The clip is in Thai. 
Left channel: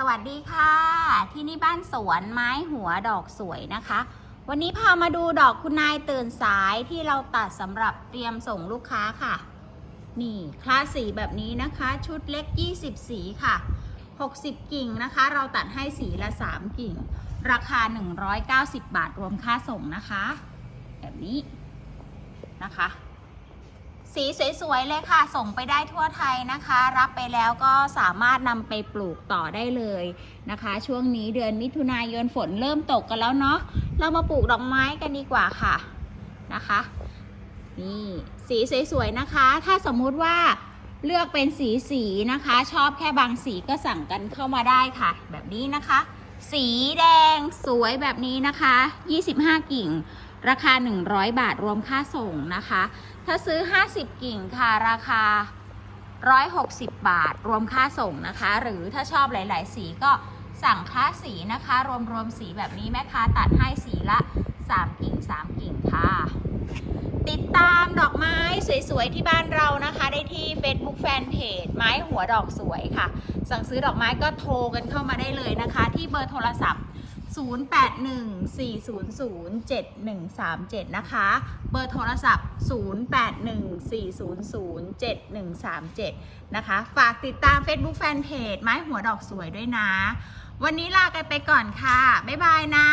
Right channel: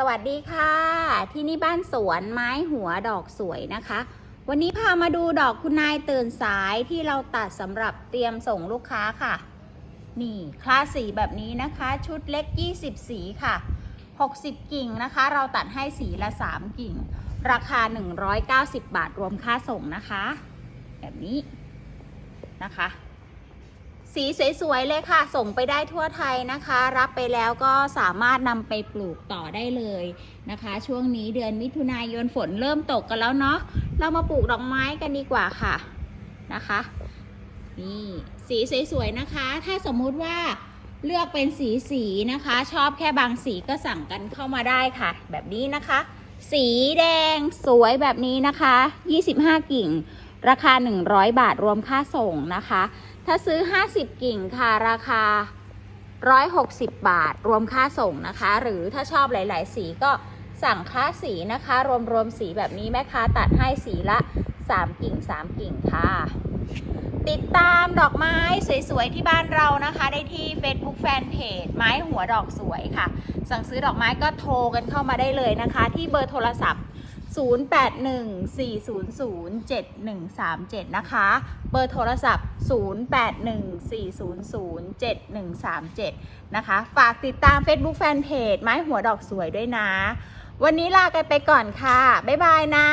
สวัสดีค่ะ ที่นี่บ้านสวนไม้หัวดอกสวยนะคะ วันนี้พามาดูดอกคุณนายตื่นสายที่เราตัดสำหรับเตรียมส่งลูกค้าค่ะ นี่คลาสสีแบบนี้นะคะ ชุดเล็ก 20 สีค่ะ 60 กิ่งนะคะ เราตัดให้สีละ 3 กิ่ง ราคา 190 บาทรวมค่าส่งนะคะ แบบนี้นะคะ สีสวยๆเลยค่ะ ส่งไปได้ทั่วไทยนะคะ รับไปแล้วก็สามารถนำไปปลูกต่อได้เลยนะคะ ช่วงนี้เดือนมิถุนายนฝนเริ่มตกกันแล้วเนาะเรามาปลูกดอกไม้กันดีกว่าค่ะนะคะนี่สีสวยๆนะคะ ถ้าสมมุติว่าเลือกเป็นสีสีๆนะคะ ชอบแค่บางสีก็สั่งกันเข้ามาได้ค่ะ แบบนี้นะคะ สีแดงสวยแบบนี้นะคะ 25 กิ่ง ราคา 100 บาทรวมค่าส่งนะคะ ถ้าซื้อ 50 กิ่งค่ะราคา 160 บาท รวมค่าส่งนะคะ หรือถ้าชอบหลาย ๆ สีก็สั่งค่าสีนะคะ รวมๆสีแบบนี้แม่ค้าตัดให้สีละ 3 กิ่ง 3 กิ่งค่ะ ติดตามดอกไม้สวย ๆ ที่บ้านเรานะคะ ได้ที่ Facebook Fanpage ไม้หัวดอกสวยค่ะ สั่งซื้อดอกไม้ก็โทรกันเข้ามาได้เลยนะคะ ที่เบอร์โทรศัพท์ 0814007137 นะคะ เบอร์โทรศัพท์ 0814007137 นะคะ ฝากติดตาม Facebook Fanpage ไม้หัวดอกสวยด้วยนะ วันนี้ลากันไปก่อนค่ะ บ๊ายบายนะ